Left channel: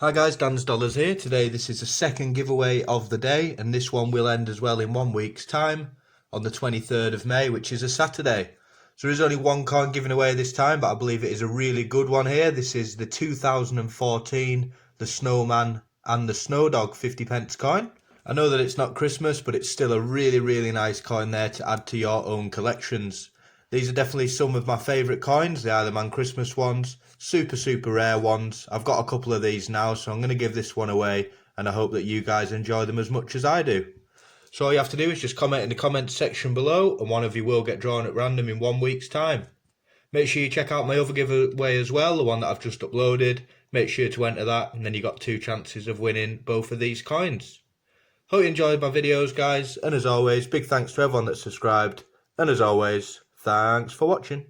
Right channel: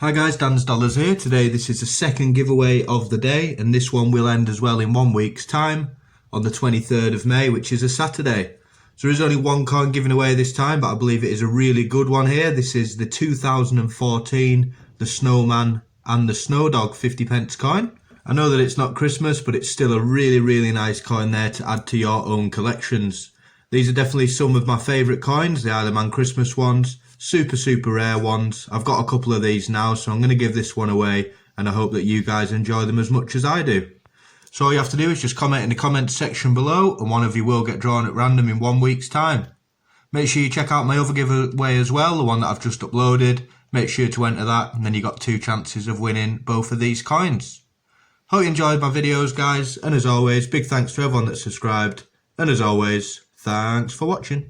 Hi guys, Dan's Dollars here. Today this is the second giveaway of the day, and this one will end as well in 1 week's time on the 23rd of May, which is a Saturday. So there is only one coin given away this time, but I believe it is a really good one here. This is the 2014, the Snowman and the Snowdog 50p coin. I know that it's not Christmas, but it's still a really nice coin there to add to your own collections. These are definitely some of my favourite coins. They are the Man Christmas ones. Super rare ones. I've got a couple of these now, so I'm going to give this one away, and I hope that you guys enjoy them as much as I do. So all you have to do is just comment in the comments section below, and one of you will get drawn at random in 1 week's time. Make sure you check out my other giveaway as well, the one that I've just uploaded. Make sure to enter that, and then you got 2 chances of winning both of these coins. Hope you enjoyed my videos, guys, and as always, big thanks to everyone that subscribed, and as always, thanks for watching.